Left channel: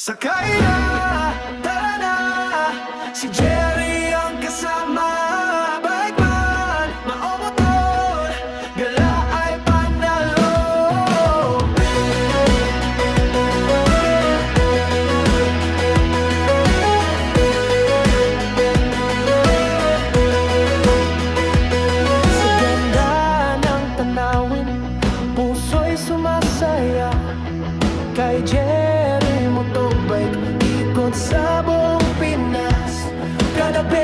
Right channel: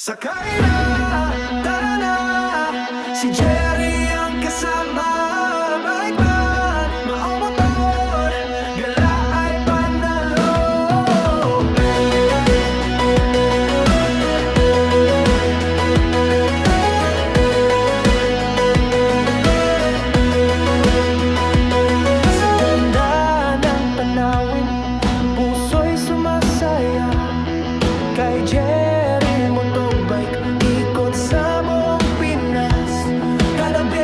Sakay na, tara na, si Jerry ang kasama. Bike man, maomotor, gala ay panalo. Sa ganda ng tanawin, puso'y sumasaya. Kay Jerry Motobike, ikot sa buong Pinas. Kadabi,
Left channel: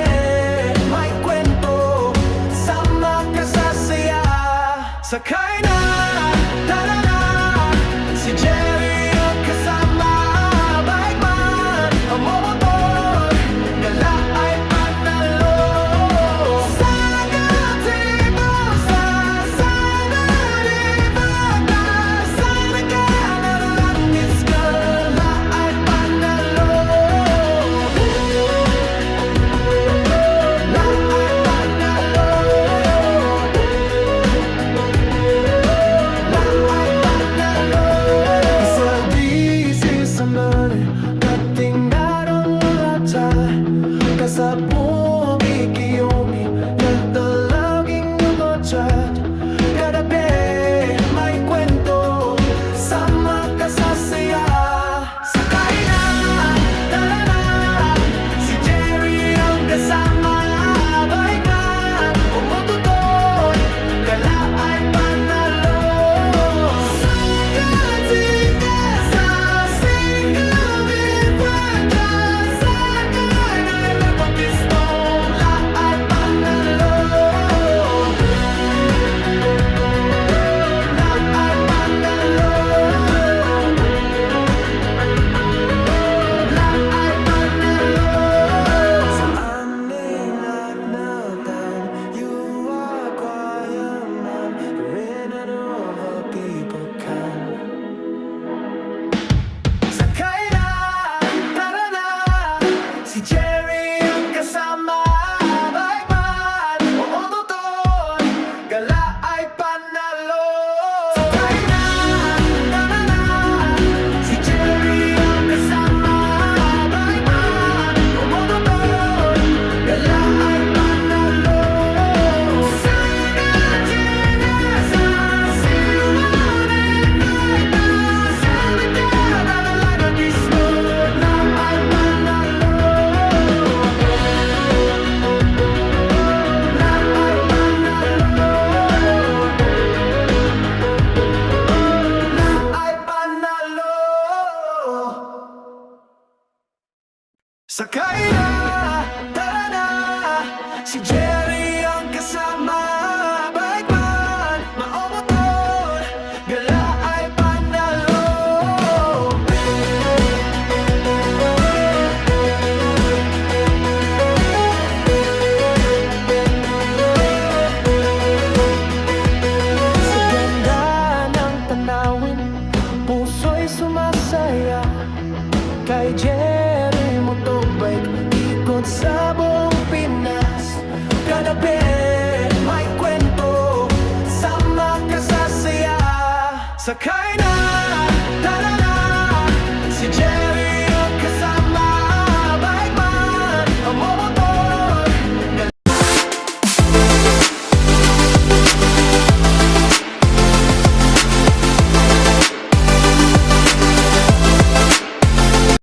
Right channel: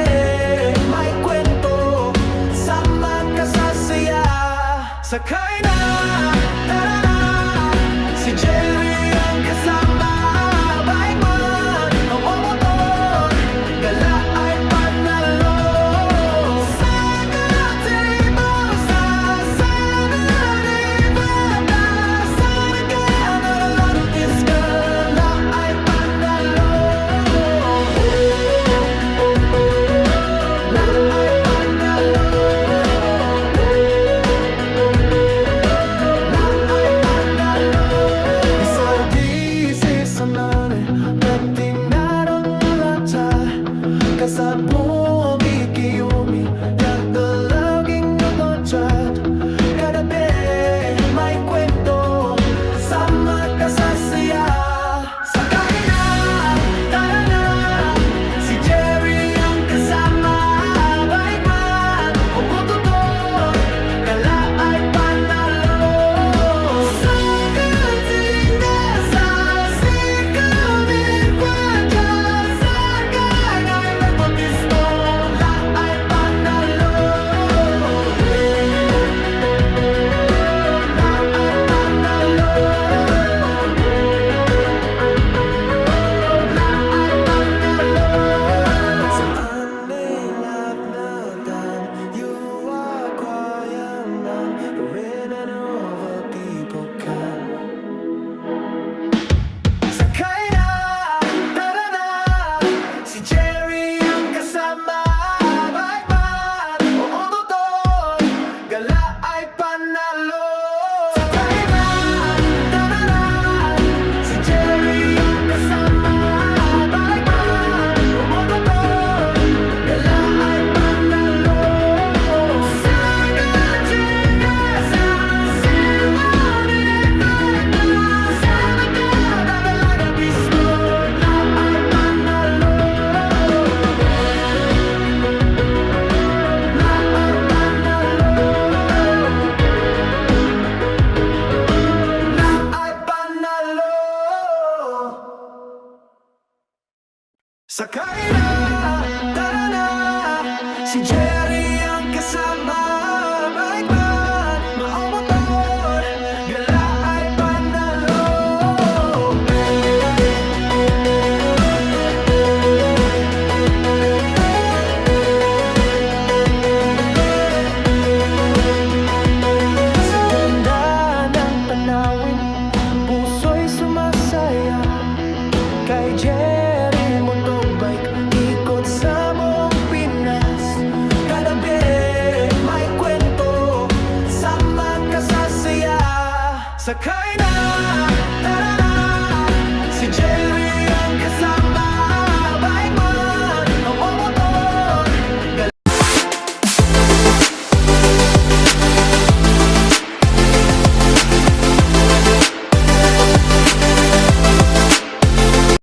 may kwento, sama ka sa saya. Sakay na, tara na, si Jerry ang kasama. Bike man, ang motor, gala ay panalo. Sa gatibo, sa Saturday, Batas, sa nagkakalanis, gala ay panalo. La ay panalo. La ay panalo. Isaldi sa mani, kating narong lata. Kasabog ikiyomi, yak dalaging nungotrat. Kadabi, may kwento, sama ka sa saya. Sakay na, tara na, si Jerry ang kasama. Bike man, o motor, gala ay panalo. Sa gating sa sikumi padya. Sakay na ilang motisto, la ay panalo. La ay panalo. La ay panalo. Sa anin at natan, you are quiet man, rin and over people can. Sakay na, tara na, si Jerry ang kasama. Bike man, o motor, gala ay panalo. Sakay na, tara na, si Jerry ang kasama. Bike man, o motor, gala ay panalo. Sa gatinga sa silunin, Batas, sa nagkakalaga mismo, la ay panalo. La ay panalo. La ay panalo. Sakay na, tara na, si Jerry ang kasama. Bike man, maomotor, gala ay panalo. Sa ganda ng tanawin, puso'y sumasaya. Kay Jerry Motobike, ikot sa buong Pinas. Kadabi, may kwento, sama ka sa saya. Sakay na,